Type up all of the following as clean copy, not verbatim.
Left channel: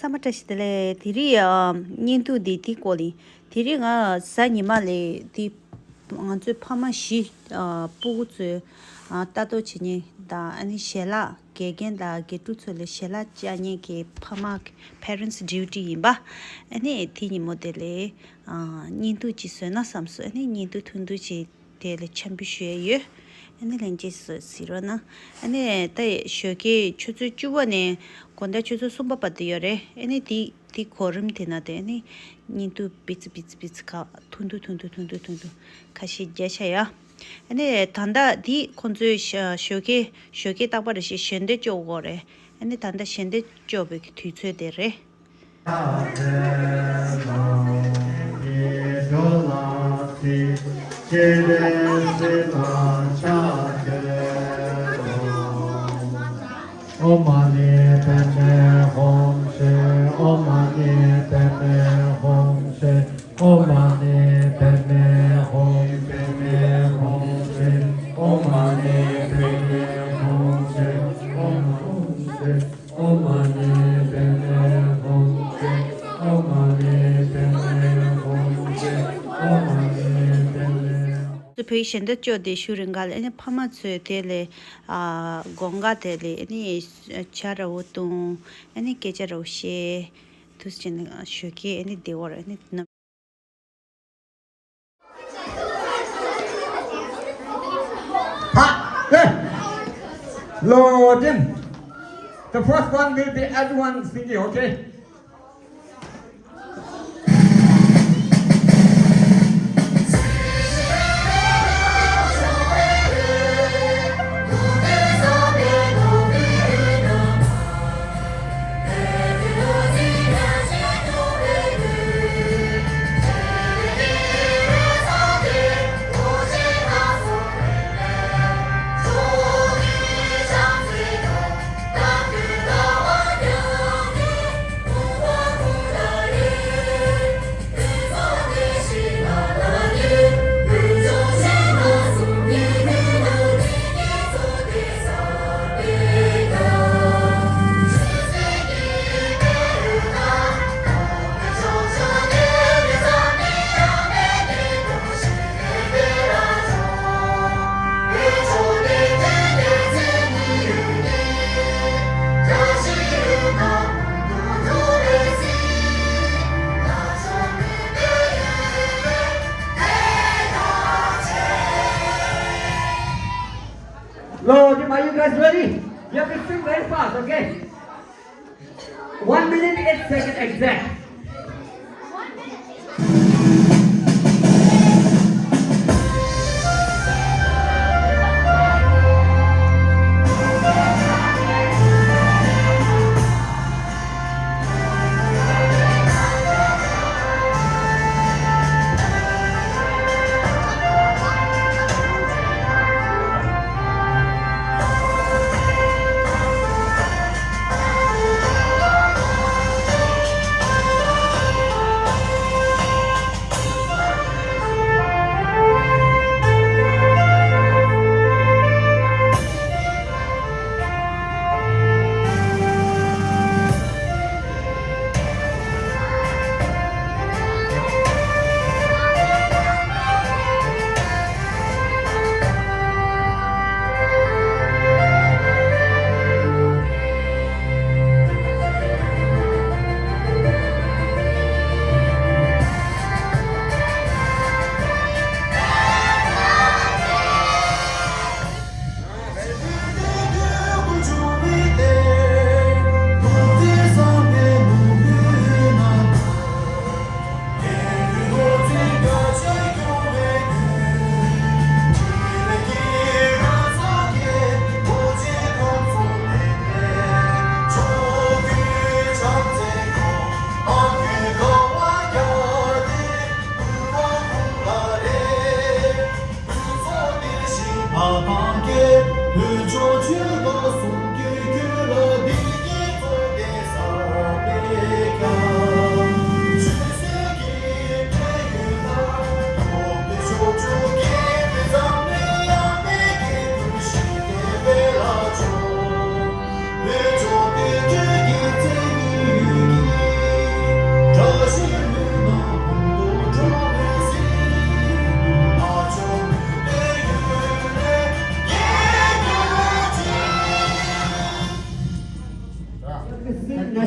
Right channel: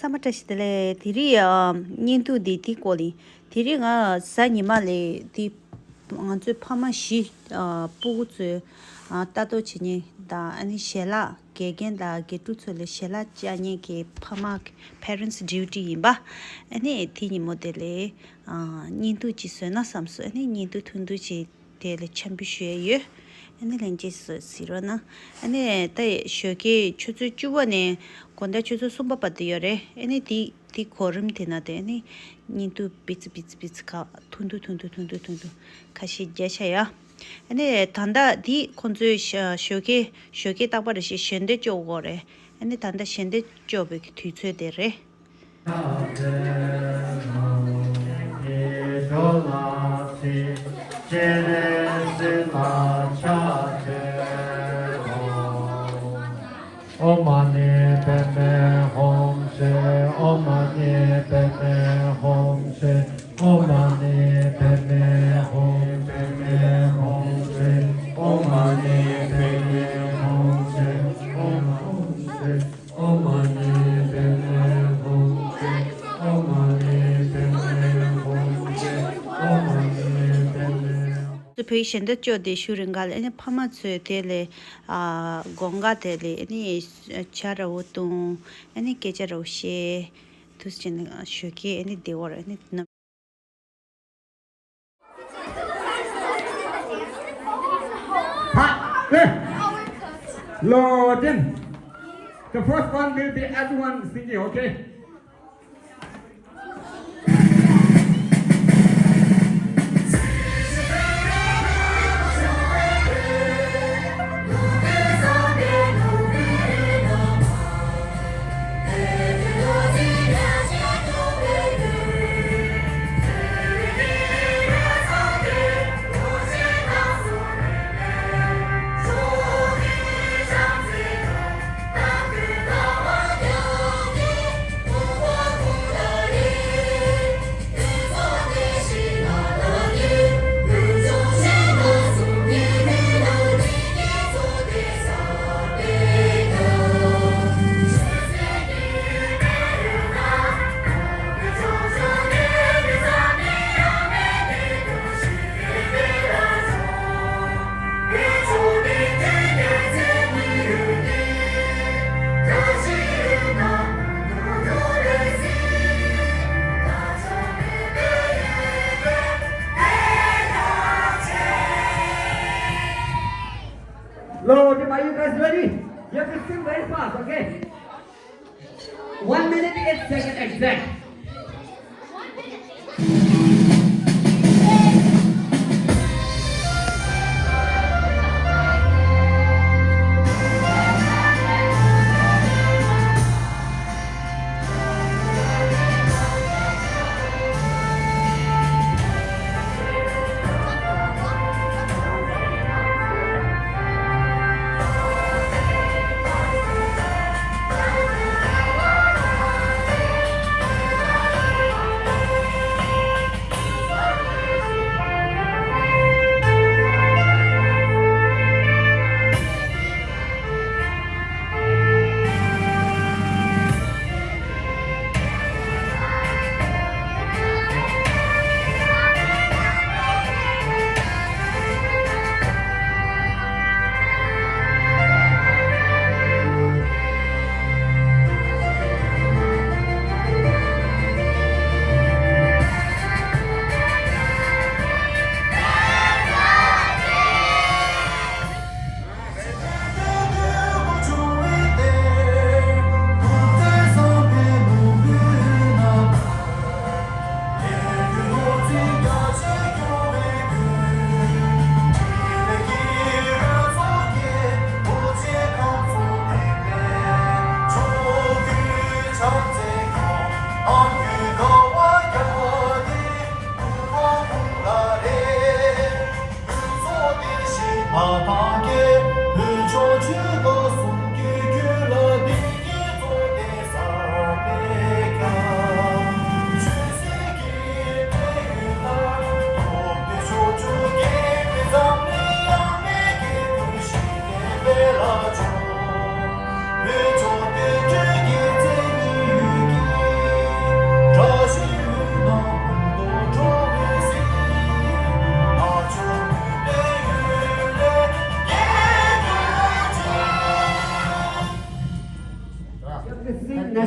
Samatashitele, Tiri, Nintu di Tikoli, Tiringa, Sanimale, di Anzu Pamashi, Puzu, Tato Chini, da Ani Shela, Gagan da Getutule Shela Jani, Pamak, parents' duty, ba, any tini modele, Nintu Chisuna Samsu, any Nintu Tunduchi, Tele Championship. Ani lenjes sirona ani ta shoki chuchu chuwane konda chuchu sumba patiyore ani di korum tinade ani nintu bits ka tundu kashi jashaya ani tanda di konzu shoki tabare shi shende jogore ani tanda shende jobe tütsö dere Om Mani Padme Hum Se Om Mani Padme Hum Se Om Mani Padme Hum Se Om Mani Padme Hum Se Om Mani Padme Hum Se Om Mani Padme Hum Se Om Mani the patient that jo de shuringal any pamatsu tele gonga tele any chara wotu any kecharo she tusjin shuki any deor any Lord, the first one will be everyone singing, okay? Lord, are you guys ready? You have to sing very fast, okay? 1 minute, 8 seconds exact.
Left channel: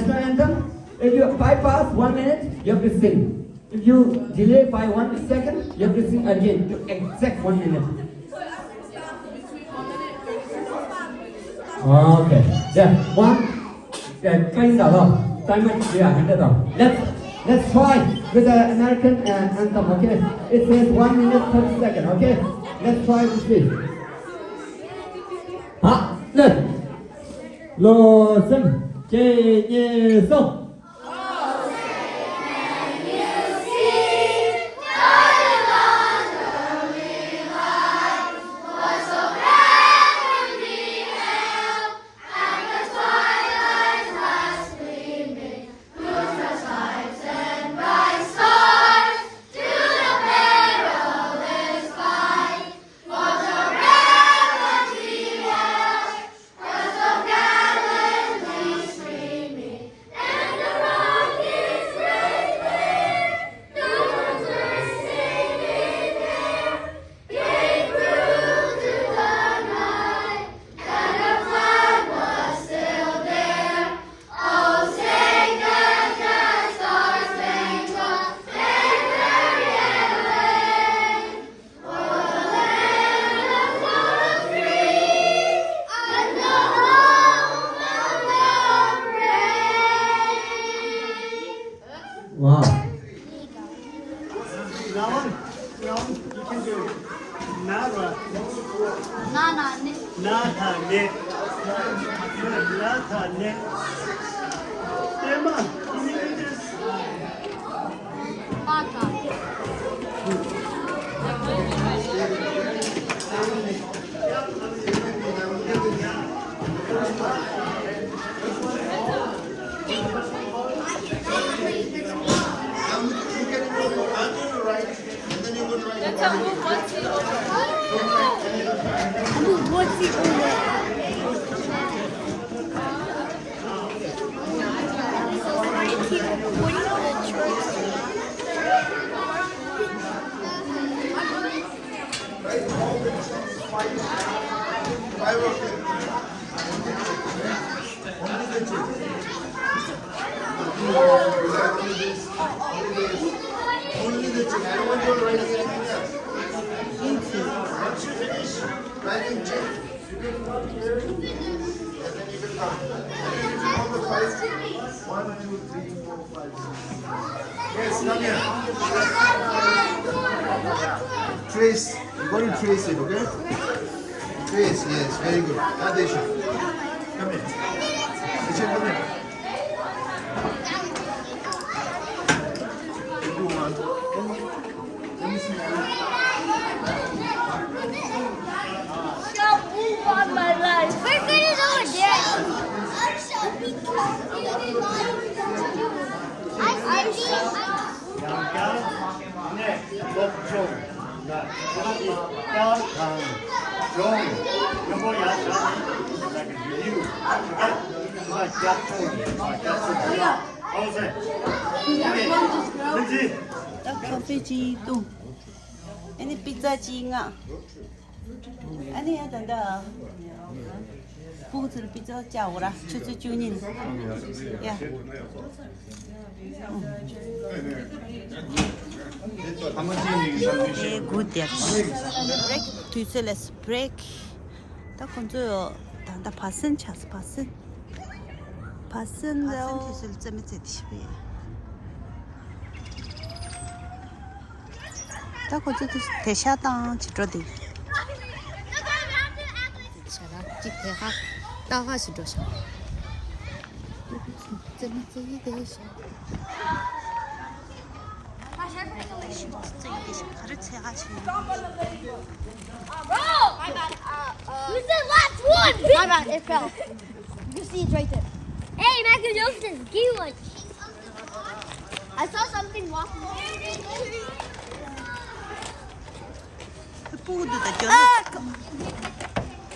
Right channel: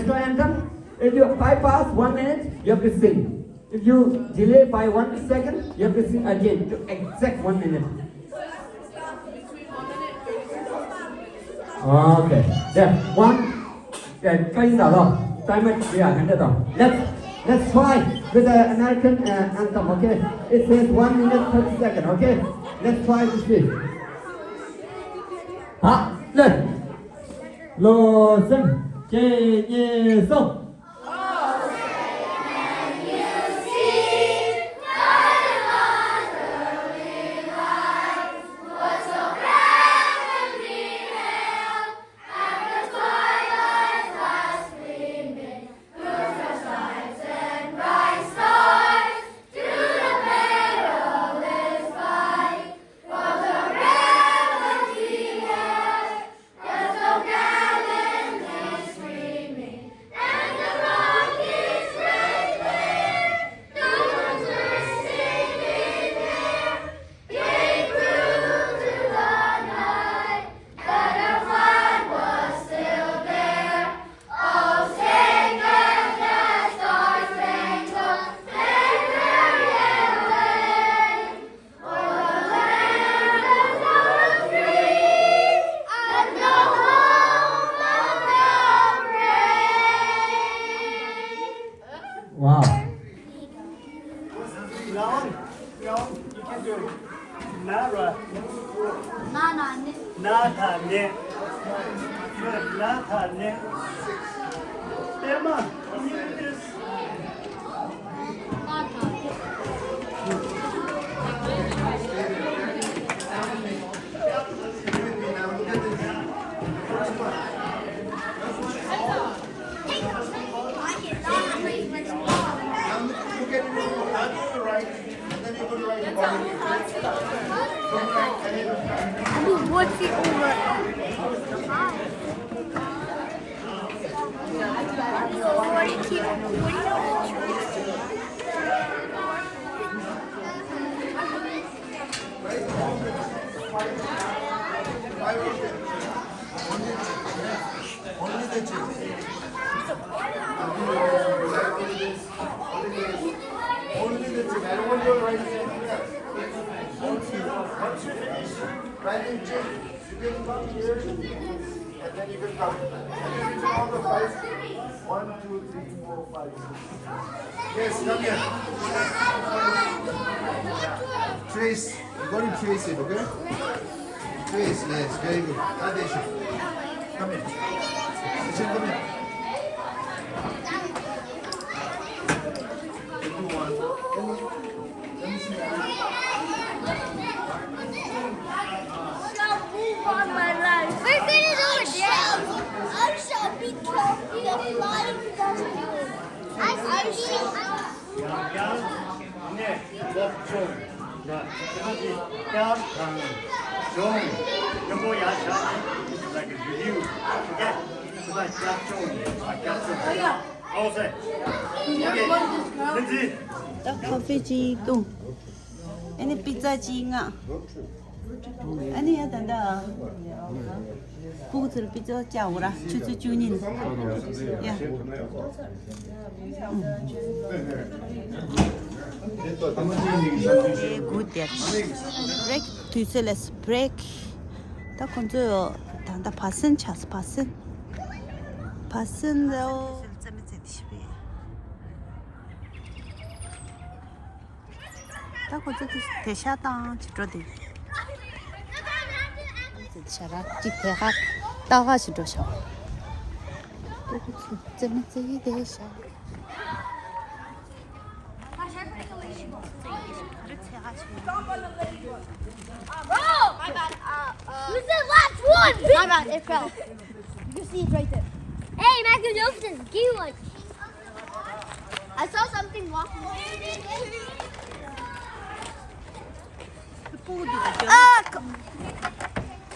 national anthem. If you 5 past 1 minute, you have to sing. If you delay by 1 second, you have to sing again to exact 1 minute. Okay. There. One. Let's try with the American anthem. Okay. It says 1 minute 30 seconds. Okay. Let's try to see. Lô sinh chê nhê sông. Wow. Wrong, you can do it. Nara. Nata ne. Nata ne. Emma, can you do this? What's the over? Already keep recording the choice. Yes, come here. Trace. You got to trace it, okay? Trace, yes, very good. Now, Deshan. Come here. Deshan, come here. Do one. Let me see that. Shall move on my life. We're gonna go I shall become the flying dustbin. I shall. 네, 법종, 강, 종, 요거 야산, like a review, okay? Like 종, 어세, 오케이, 딱 커피지 또. 아니 피자지가. 아니 야단다. 부부들 피자 짜오라. 추추주닌. 야. good that break tuiseless break ta konzo da passen chas passen do selzeme tshbe ta konzo tesha ta chitro de sara titera ta ga chitro sha selzeme tshbe Who's the last one? My bad, it fell. You can see it right there. Hey, Michael Joseph, give me one. I saw something walking.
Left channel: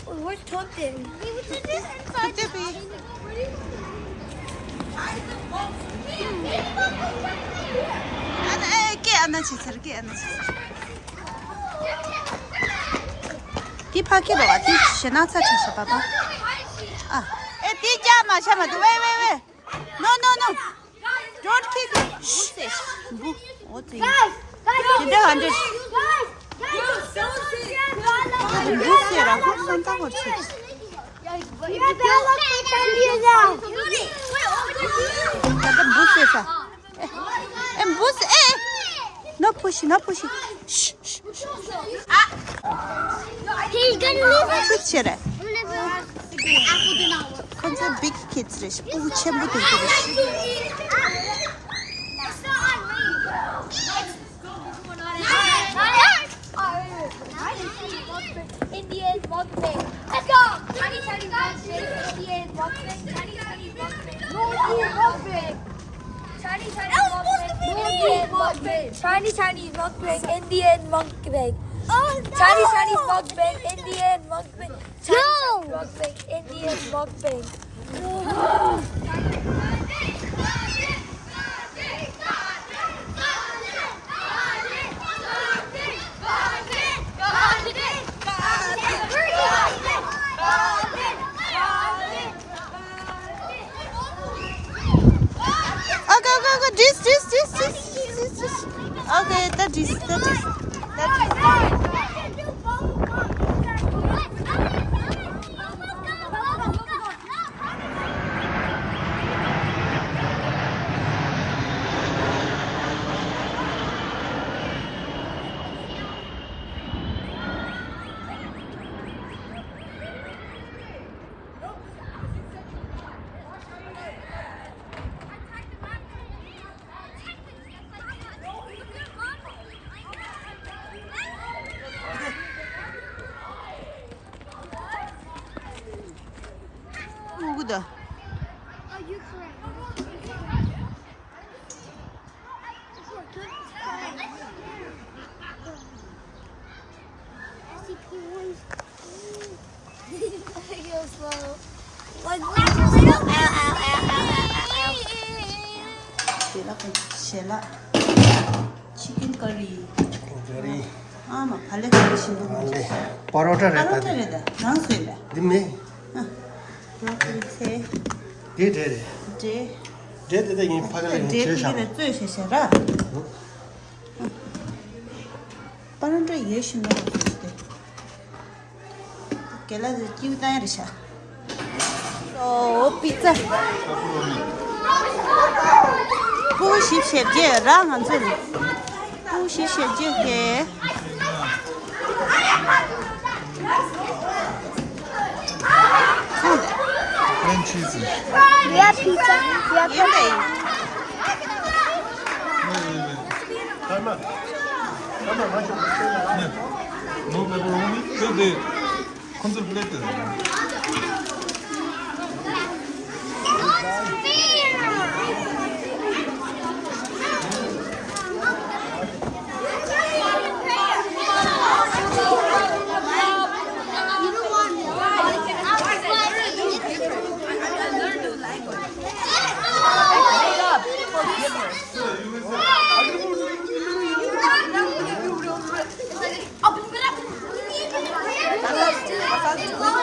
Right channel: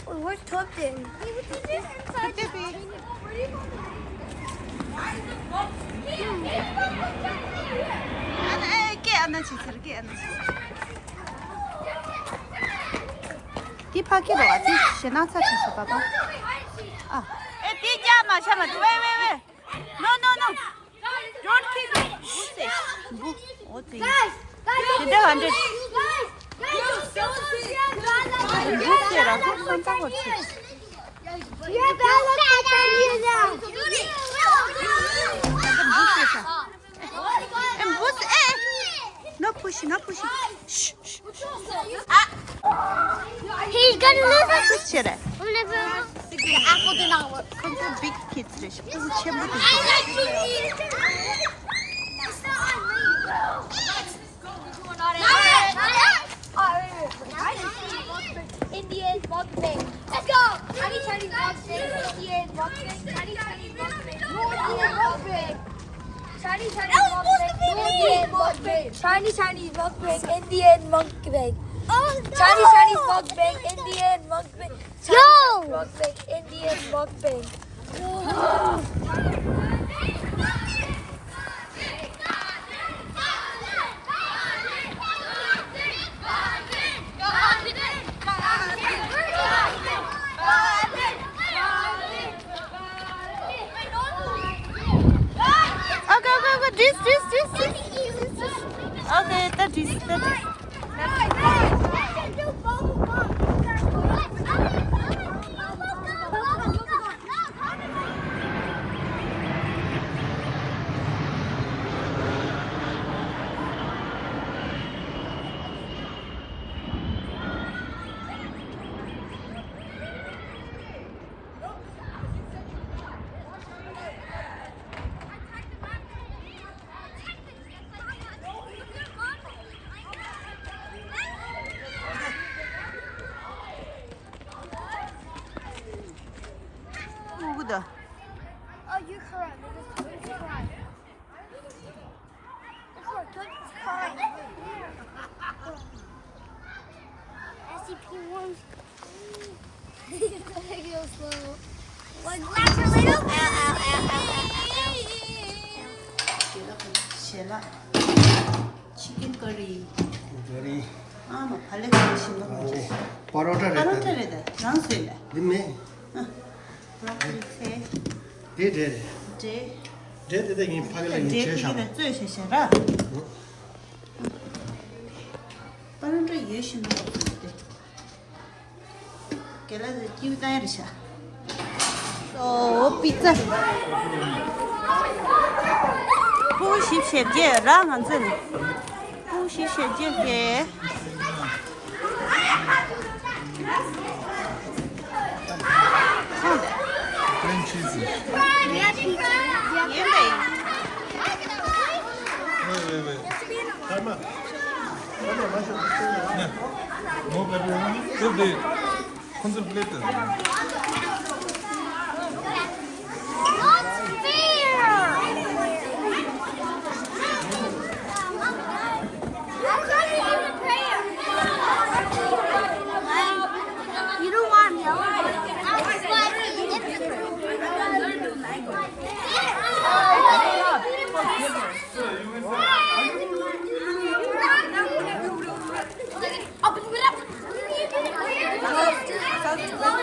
Oh, where's Totten? Hey, what is this inside? أنا شتركي أنا دي باكي بوا دي شناتا تشي بابا دي جاما شما وي no 뭐 어디? Guys, 내가 앉아. guys, 무스라고 한다고 치. Your bell up on you now. 나도 무스에서. 에 무스 에. 너 푸시. He's gonna live. 그치래. The apple did not work. 컨셉 빅 키즈래. 부 첨부 들고. Indian mukbang. Let's go. Tiny mukbang. Indian mukbang. Tiny mukbang. No Indian mukbang. Tiny mukbang. No Indian mukbang. Chinese mukbang, Indian mukbang. Oh, Chinese mukbang, Indian mukbang. No. Mukbang, Indian mukbang. Okay. This. Okay, that is. 누구다? Oh, you're correct. I see cool ones. Go slow. Like 젤라 치킨 커리 아마 발레 거리신 거 같아 Parotta 파로테레다 난수이다 Dimne. 브로콜리 세 Did. 제 Did in Pagale. 제피를 쯔셔셔라 빠른데 예신 거 같은데 켈라드 키우다야리샤 소 피자不许写字，让俺这里不许写字给。看的， Plain cheesy. yeah, pizza. Yeah. 也美。 Wait. Yeah. No pepperoni? So they contemplated. You don't want milk?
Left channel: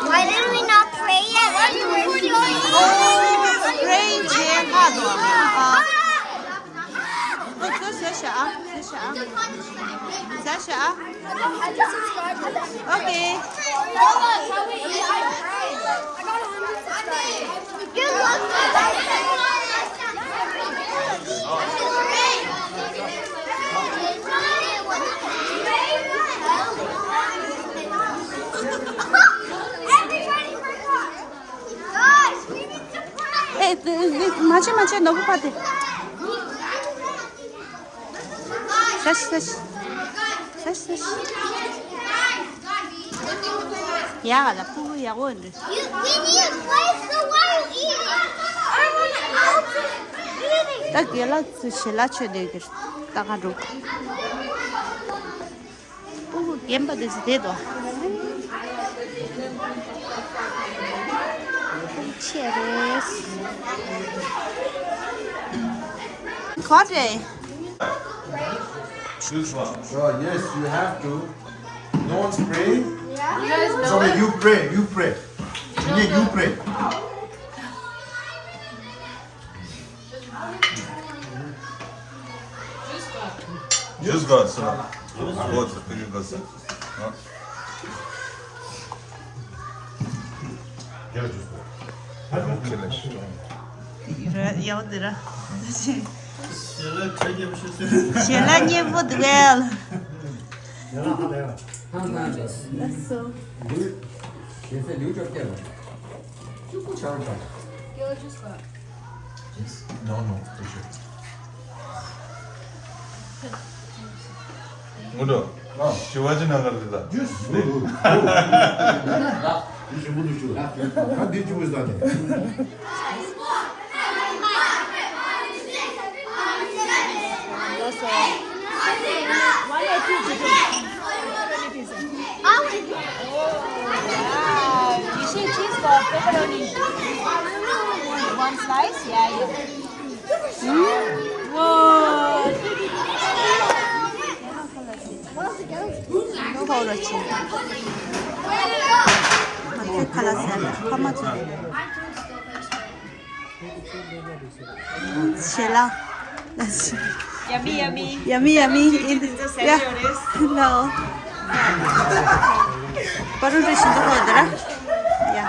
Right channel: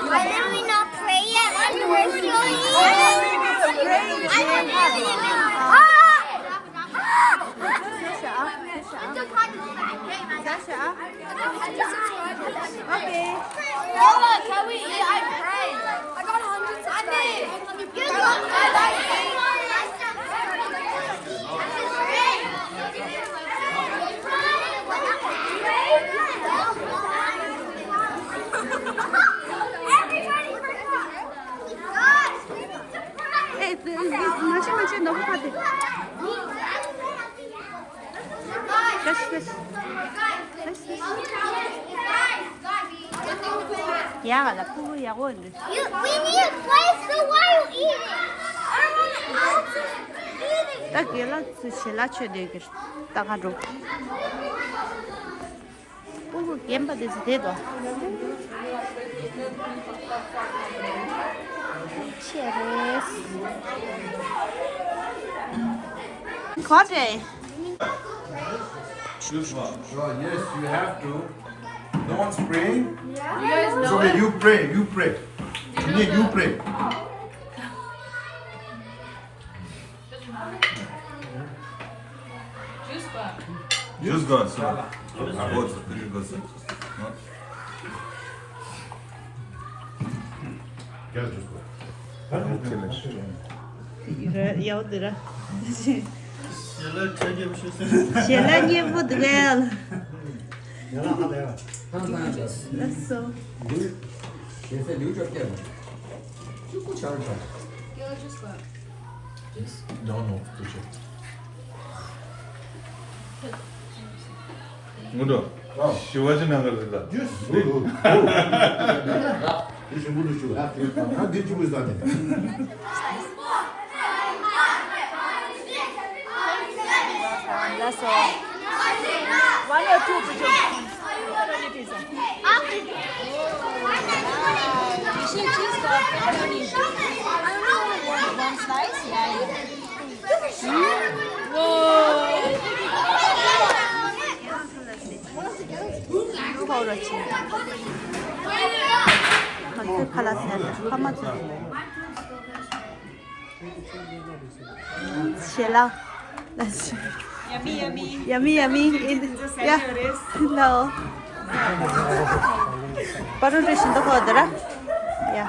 Why didn't we not pray yet when you were showing me? Oh, pray 节哈多啊！这小小，OK。 哎，맞아, 너무 빠져. 다시. 야, 나 puhu ya 원. We need place, so why are you eating? I want to eat. 딱 연락 주실라 되게 따가지고. puhu 겜바데스 되도. Cheers. 거래. Choose one. Sure, yes, you have to. No one's praying? Yeah. It's okay, you pray. You pray. Just go outside. About to finish the set. 여드라. Şöyle çay gibi bir şey söyle. 셀라 예쁘드벨. 항상 요새 뉴저게 축구 잘한다. No, no, teacher. Mudo. Shivaji Nagar is that. Juice. Teacher, what do you do? How did you was that? One slice? Yeah. 누가 그렇지? 마트 칼라셀라 파마주. 셀라. That's yummy. Yeah. Hello. 바로 드신다 거더라. Yeah.